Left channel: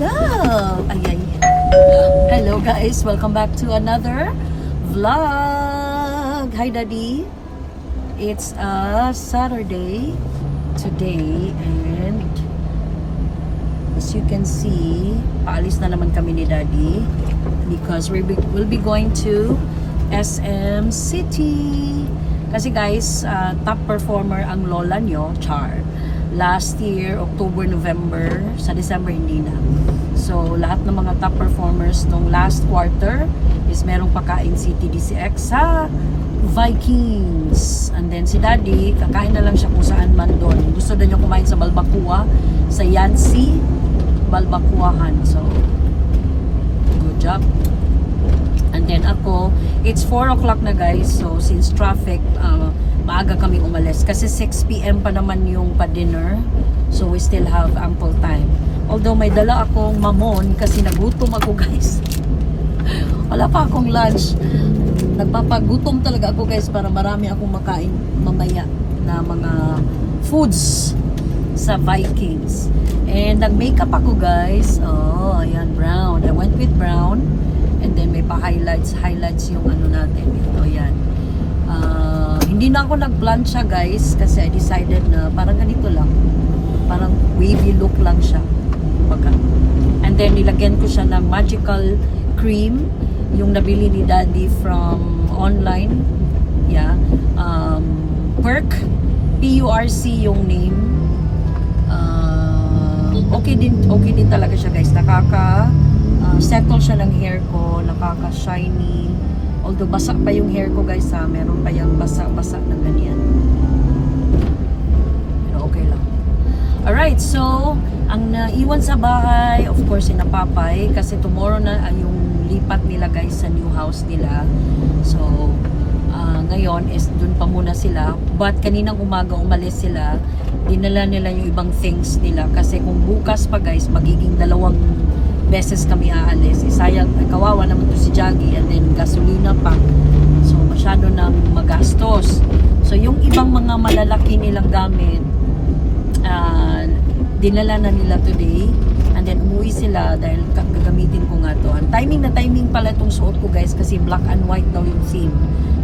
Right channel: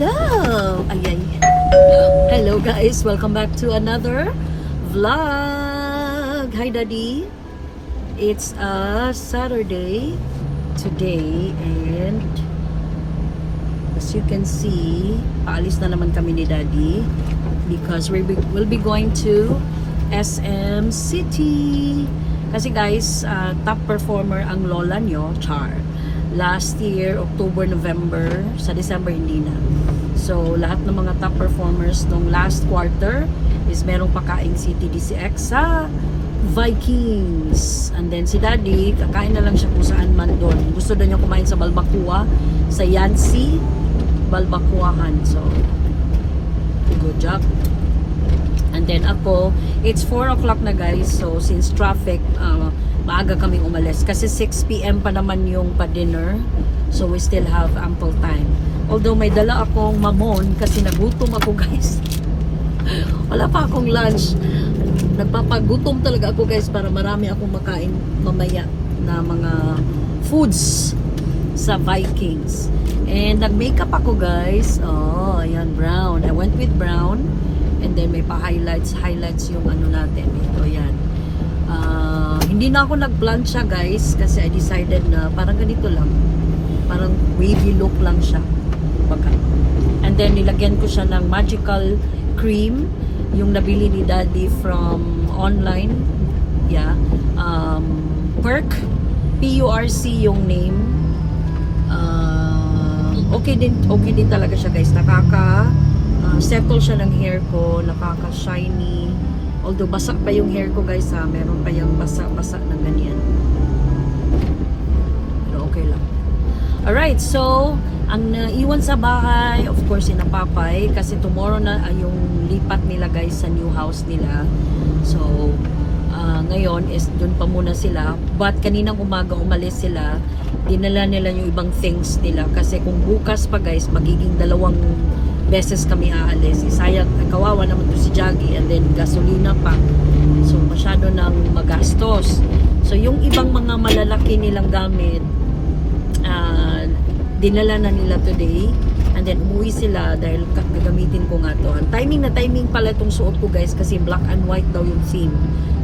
Hello! Ay. Hello guys, welcome back to another vlog. Hi Daddy. It's a Saturday today and as you can see, paalis na naman kami ni Daddy because we'll be going to SM City. Kasi guys, top performer ang lola nyo, Char. Last year, October, November, sa December hindi na. So, lahat ng mga top performers nung last quarter is merong pakain si TDCX sa Vikings. And then si Daddy, kakain na lang siya kung saan man doon. Gusto na niya kumain sa Balbacua, sa Yancy, Balbacuahan. So, good job. And then ako, it's 4 o'clock na guys. So, since traffic, maaga kaming umalis. Kasi 6 p.m. pa naman yung pa-dinner. So, we still have ample time. Although, may dala akong mamon kasi nagutom ako guys. Wala pa akong lunch. Nagpapagutom talaga ako guys para marami akong makain mamaya na mga foods sa Vikings. And nag-makeup ako guys. Oh, ayan, brown. I went with brown. And then may pa-highlights yung ano natin. Ito, yan. Hindi na ako nag-plan siya guys kasi I decided na parang ganito lang. Parang wavy look lang siya. Baga. And then nilagyan ko siya ng magical cream yung nabili ni Daddy from online. Yeah. Perk. P-U-R-C yung name. Okay din talaga siya guys. Settle siya ng hair ko. Nakaka-shiny. Although basa pa yung hair ko guys ha, meron pa yung basa-basa na ganyan. Pero okay lang. Alright, so ang naiwan sa bahay, of course, sinapapay kasi tomorrow na yung lipat nila guys sa new house nila. So, ngayon is dun pa muna sila. But kaninang umaga umalis sila, dinala nila yung ibang things nila kasi kung bukas pa guys, magiging 2 beses kami aalis. Isayang, kawawa naman to si Jaggy and then gasolina pa. So, masyado nang magastos. So, yung ibang mga malalaki nilang gamit, dinala na nila today. And then, umuwi sila dahil gagamitin ko nga to. Ang timing pala itong suot ko guys kasi black and white daw yung theme.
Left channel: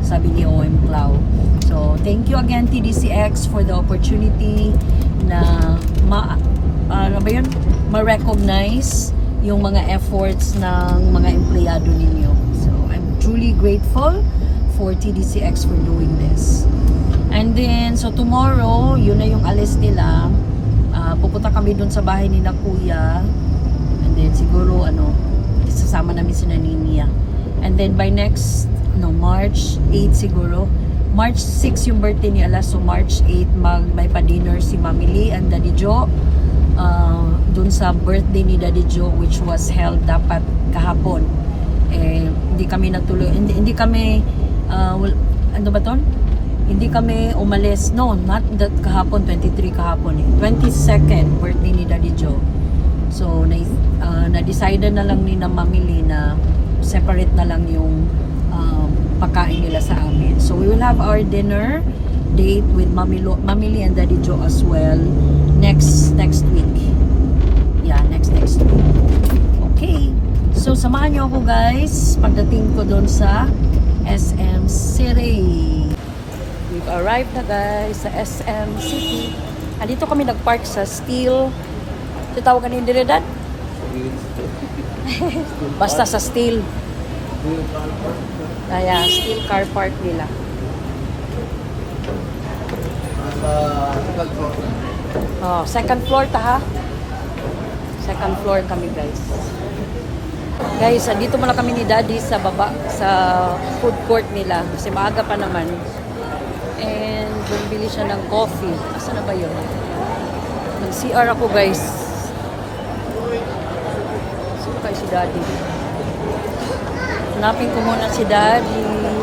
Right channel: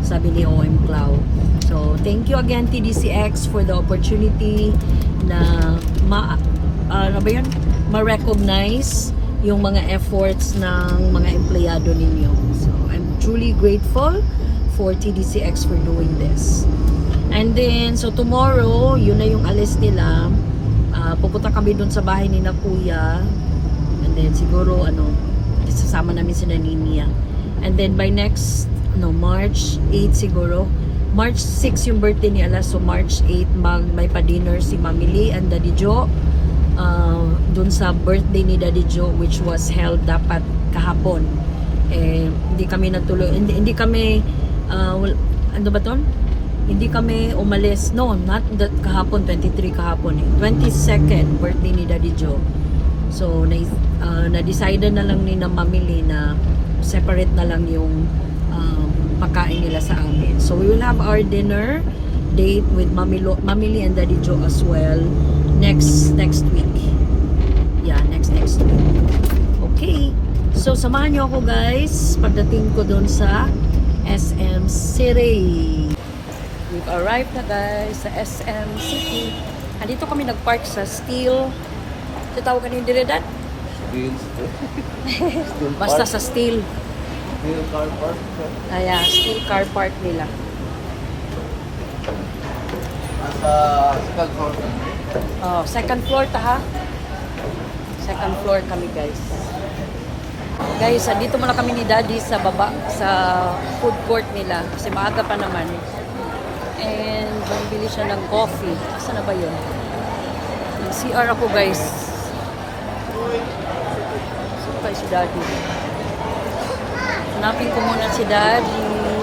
Sabi ni OM Clau. So, thank you again TDCX for the opportunity na ma-recognize yung mga efforts ng mga empleyado ninyo. So, I'm truly grateful for TDCX for doing this. And then, so tomorrow, yun na yung alis nila. Pupunta kami dun sa bahay ni na Kuya. And then, siguro, isasama namin si Naninia. And then, by next, March 8 siguro. March 6 yung birthday ni Ala. So, March 8, may pa-dinner si Mami Lee and Daddy Joe. Dun sa birthday ni Daddy Joe which was held dapat kahapon hindi kami nagtuloy hindi kami ano ba ton? Hindi kami umalis not that kahapon 23 kahapon 22nd birthday ni Daddy Joe. So na-decide na lang ni na mamili na separate na lang yung pagkain nila sa amin. So we will have our dinner date with Mamili and Daddy Joe as well next week. Yeah, next week. Okay. So samahan niyo ako guys pagdating ko doon sa SM City. We've arrived na guys sa SM City. Andito kami nagpark sa Steel. Tatawagan ni Diredan? Basta sa Steel. Steel car park. Ayan, Steel car park nila. Second floor ta ha. Second floor kami guys. Guys, dito muna kami ni Daddy sa baba sa food court nila kasi maaga pa naman. And bumili siya ng coffee. Asa na ba 'yon? Nag-CR ako guys. Saan kayo si Daddy? Hanapin ko muna si Daddy.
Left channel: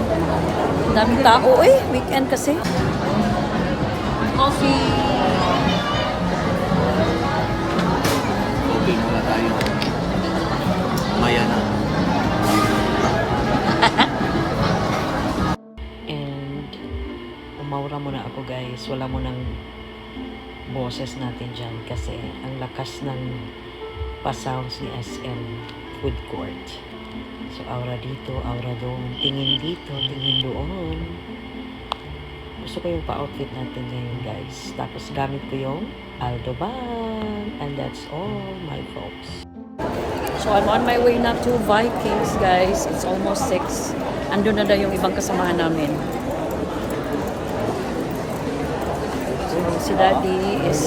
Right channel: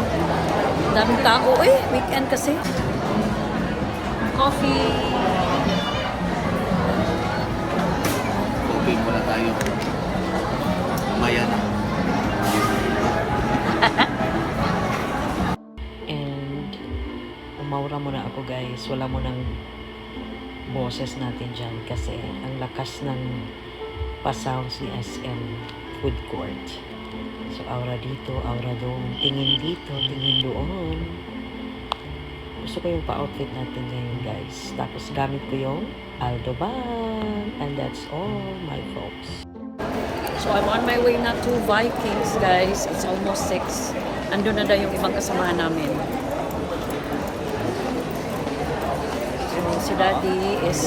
Daming tao weekend kasi. Coffee. Okay, mula tayo. Mamaya na. And umaura muna ako guys. Wala mo nang boses natin dyan kasi ang lakas ng pa-sounds ni SM Food Court. So, aura dito, aura doon, tingin dito, tingin doon. Gusto ko yung pa-outfit natin ngayon, guys. Tapos, gamit ko yung Aldo bag. And that's all, my folks. So, I'm on my way na to Vikings, guys. It's almost 6. Andun na daw yung ibang kasamahan namin. So, si Daddy is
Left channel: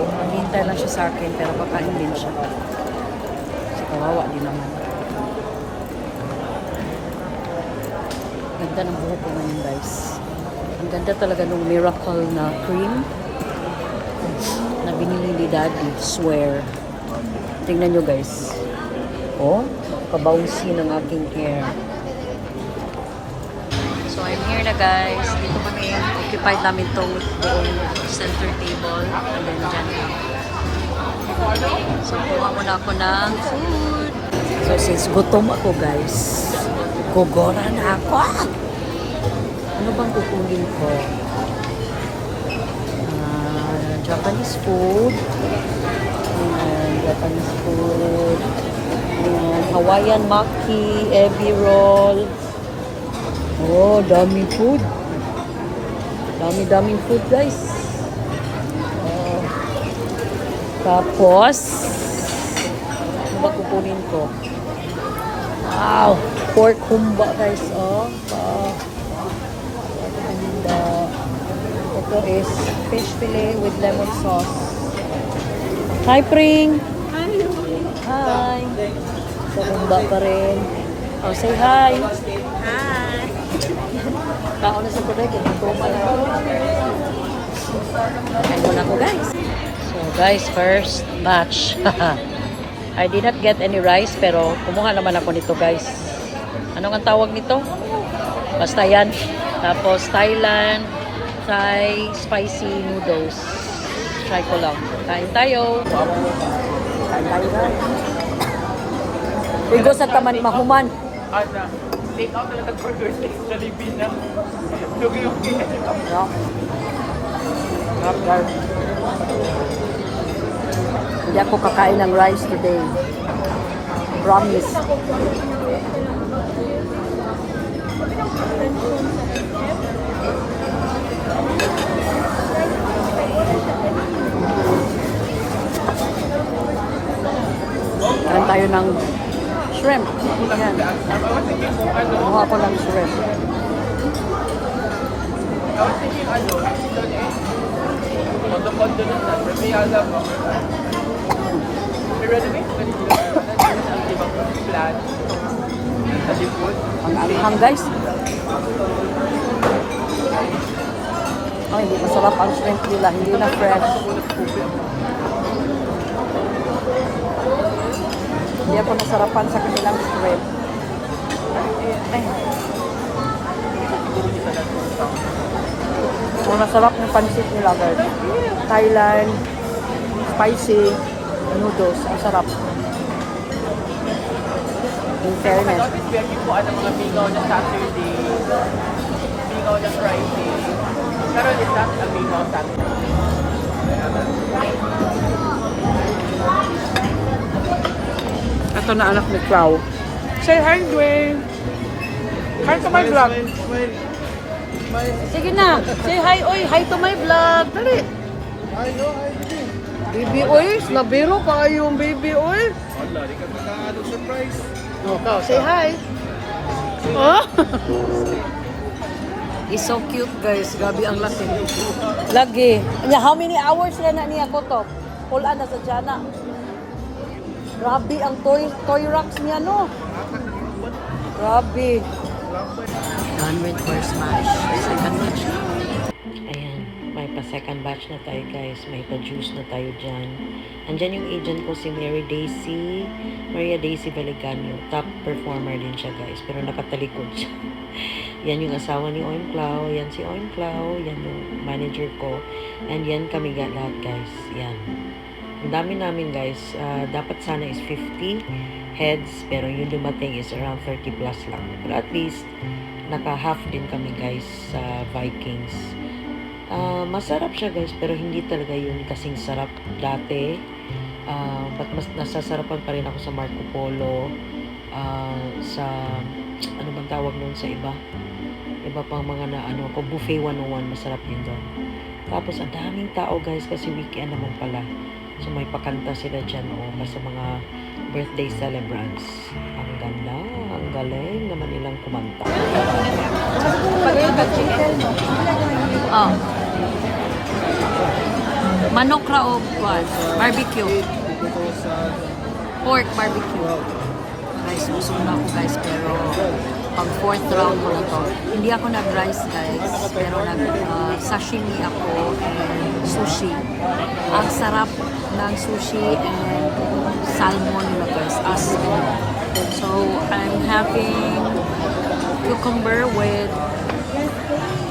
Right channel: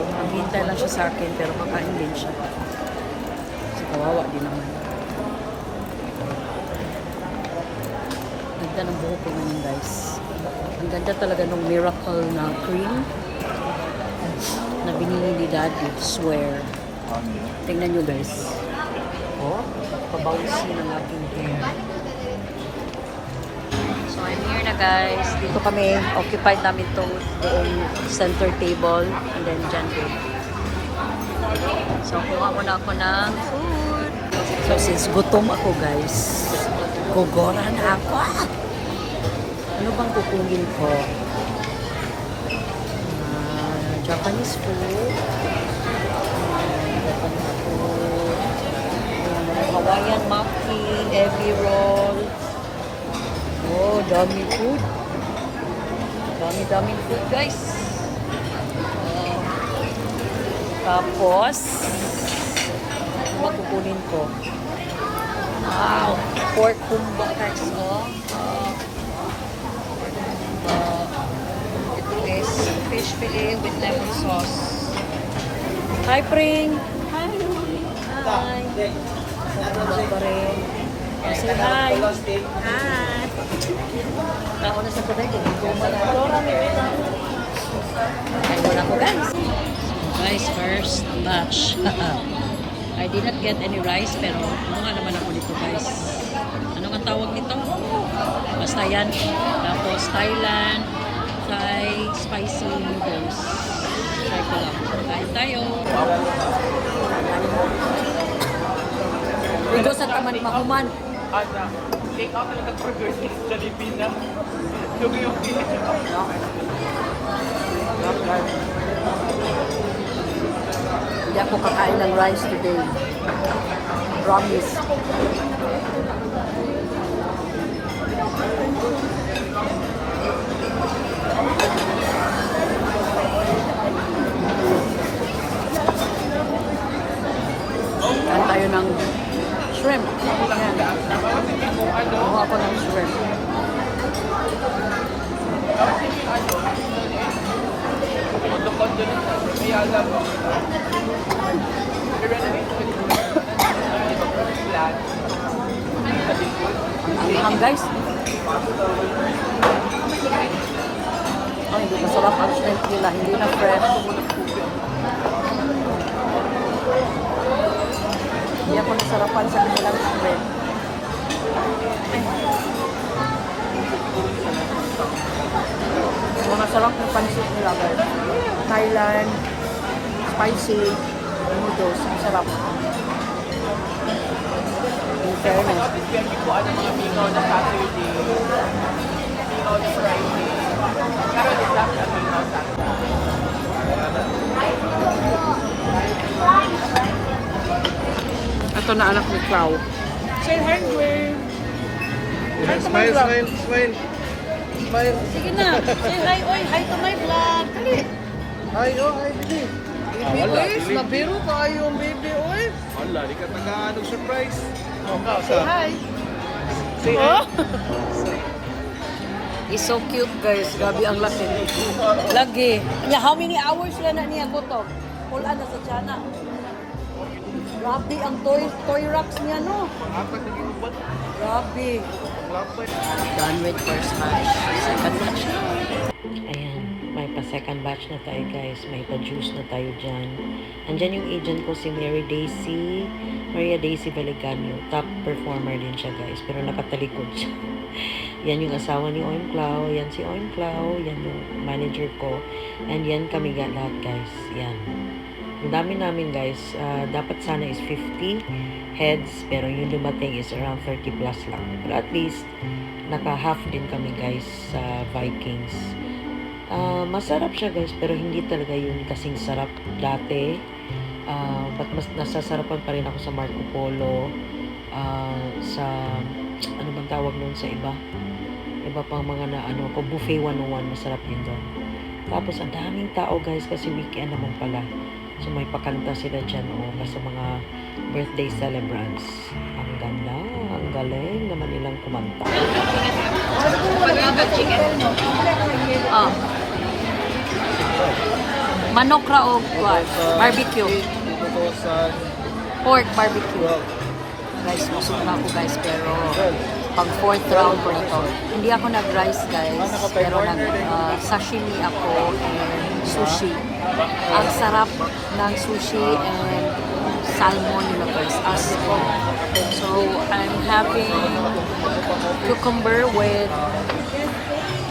maghihintay lang siya sa akin, pero kakain din siya. Kasi kawawa din naman. Ganda ng buhok ko ngayon, guys. Ang ganda talaga ng Miracle na cream na binili ni Daddy. Swear. Tingnan nyo, guys. Oh, pabawsi ng aking hair. So, I'm here na, guys. Dito kami. Occupied namin tong buong center table. And then, dyan din. So, kuha muna ako ng food. So, since gutom ako, guys, gugora na ako. Ano bang kukunin ko? Japanese food. Japanese food. Hawaiian maki, egg roll. Oh, dami food. Dami food, guys. Tapos, ano ba kukunin ko? Wow! Pork kumba, guys. Pork kumba. Ito is fish fillet with lemon sauce. Hi, Pring! Hi! Hi! Kumba pa rin. Oh, say hi! Hi! Tao na sa kuday, kung goma na. Kain muna ko, guys. So, guys, first batch. I did not get any rice, pero kumuha naman ako nito, guys. Ano ang tawag nito? Basta yan. Tapos, Thailand, Thai spicy noodles. Try ko lang. Kain tayo. Kain tayo, guys. Igo sa taman mahuman. Yeah. Sarap, guys. Hindi ako kakain ng rice today. Promise. Kain tayo ng shrimp. Yan. Kuha ako ng shrimp. Ang anghang, guys. Oh, hindi masarap ang shrimp nila. Hindi na fresh. Hindi ako nasarapan sa kanilang shrimp. Ay. So, masarap ng pansit nila, guys. Thailand, spicy noodles. Ang sarap. In fairness. Ito na anak ni Clau. Say hi, Dwayne. Hi to my vlog. Smile. Sige na. Say hi, oy. Hi to my vlog. Dali. Hi, baby. Baby, oy. Nabiro pa yung baby, oy. Surprise. Say hi. Huh? He's so cute, guys. Gabi ang laki. Lagi. How many hours ka na niya ko to? Pulaan na sa Diana. Grabe ang toy racks niya, no? Grabe. Done with first batch. Second batch na. Ayan. May pa-second batch na tayo, guys. May pa-juice na tayo dyan. Andyan yung agent ko, si Maria Daisy Veligano. Top performer din siya, guys. Pero nakatalikod siya. Yan yung asawa ni Oim Clau. Yan si Oim Clau. Yan yung manager ko. And yan kami lahat, guys. Yan. Ang dami namin, guys. Dapat sana is 50 heads. Pero yung dumating is around 30 plus lang. Pero at least, naka-half din kami, guys, sa Vikings. Masarap siya, guys. Pero hindi talaga yun kasing sarap dati. But mas nasasarapan pa rin ako sa Marco Polo, sa ano bang tawag nun sa iba pang mga na ano ko, buffet 101, masarap din doon. Tapos ang daming tao guys kasi weekend naman pala, so may pakanta sila dyan sa mga birthday celebrants. Ang ganda, ang galing naman nilang kumanta. Manok ra o barbecue. Pork barbecue. Guys, busog na ako guys, pero pang 4th round ko na to. Hindi ako nag-rice guys, pero nag-sashimi ako and sushi. Ang sarap ng sushi and salmon nila guys, as so I'm having cucumber with,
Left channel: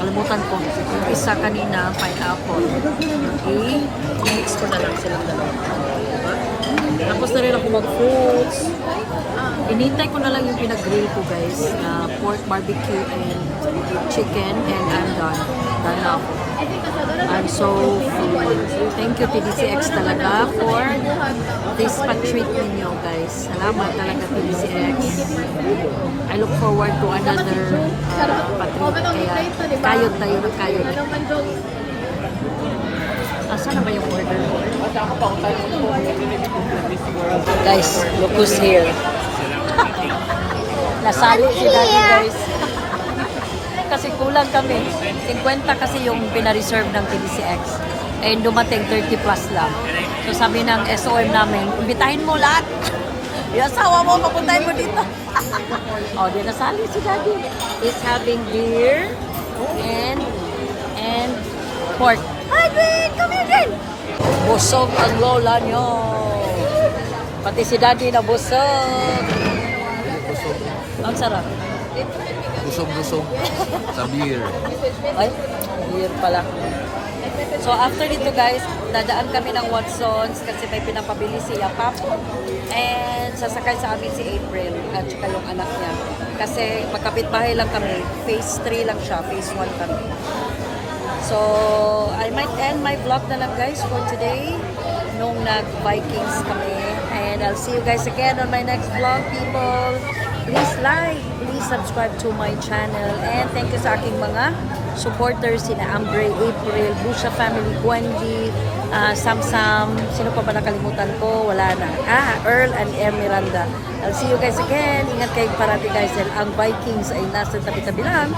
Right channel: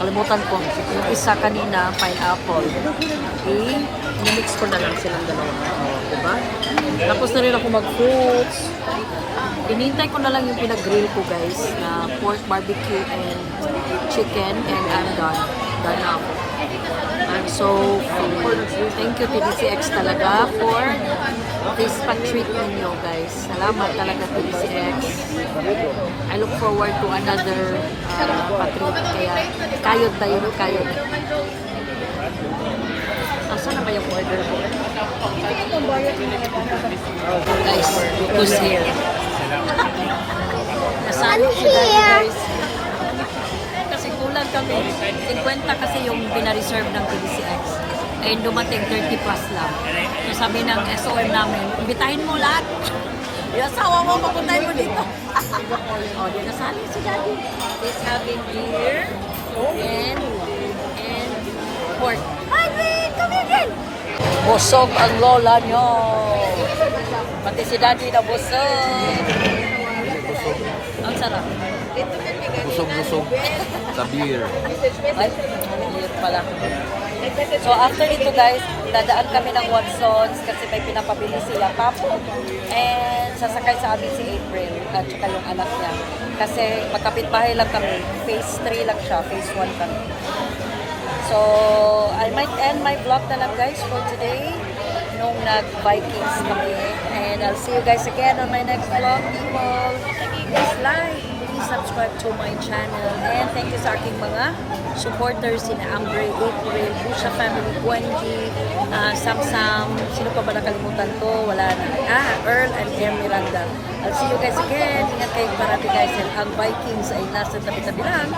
kalimutan ko, yung isa kanina, pineapple. I-mix ko na lang silang dalawa. Diba? Tapos na rin ako mag-fruits. Inintay ko na lang yung pinag-grill ko guys, na pork barbecue and chicken, and I'm done. Done na ako. I'm so full. Thank you TDCX talaga for this pa-treat ninyo guys. Salamat talaga TDCX. I look forward to another pa-treat. Kaya kayod tayo ng kayod. Asa na ba yung order ko eh? Guys, look who's here. Nasalo si Daddy guys. Kasi kulang kami. 50 kasi yung pina-reserve ng TDCX. Eh dumating 30 plus lang. So sabi ng SOM namin, imbitahin mo lahat. Yung asawa mo, papuntahin mo dito. Doon nasali si Daddy. He's having beer and pork. Hi, Green! Come here, Green! Busog ang lola nyo. Pati si Daddy na busog. Busog. Ang sarap. Busog-busog. Sa beer. Ay, beer pala. So after dito guys, dadaan kami ng Watsons kasi may pinapabili si Yapap. And sasakay sa amin si April at saka yung anak niya. Kasi magkapit-bahay lang kami. Phase 3 lang siya. Phase 1 kami. So, I might end my vlog na lang guys for today. Nung nag-Vikings kami. And I'll see you guys again on my next vlog, people. Please like, please subscribe to my channel. And thank you sa aking mga supporters, sina Ambre, April, Busa Family, Gwenji, Samsam, sino pa ba nakalimutan ko? Wala na. Earl and M. Miranda. I'll see you guys again. Ingat kayo parati guys. Ang Vikings ay nasa tabi-tabi lang.